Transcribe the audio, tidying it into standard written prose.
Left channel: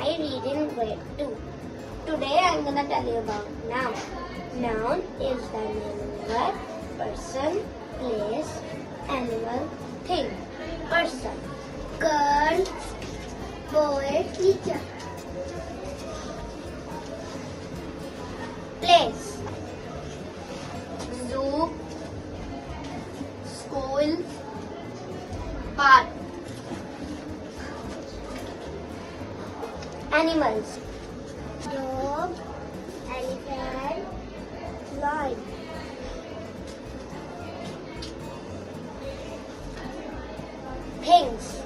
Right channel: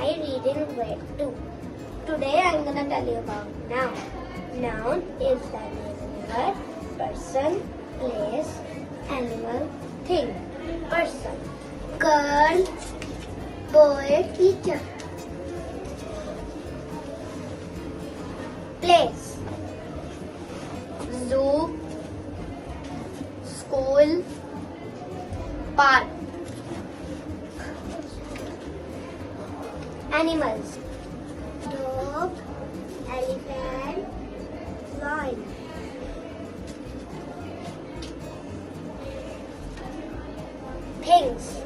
I read in grade 2. Today I am going to tell you about noun. Noun is the name, person, place, animal, thing. Person, girl, boy, teacher. Place, zoo, school, park. Animals, dog, elephant, lion. Things,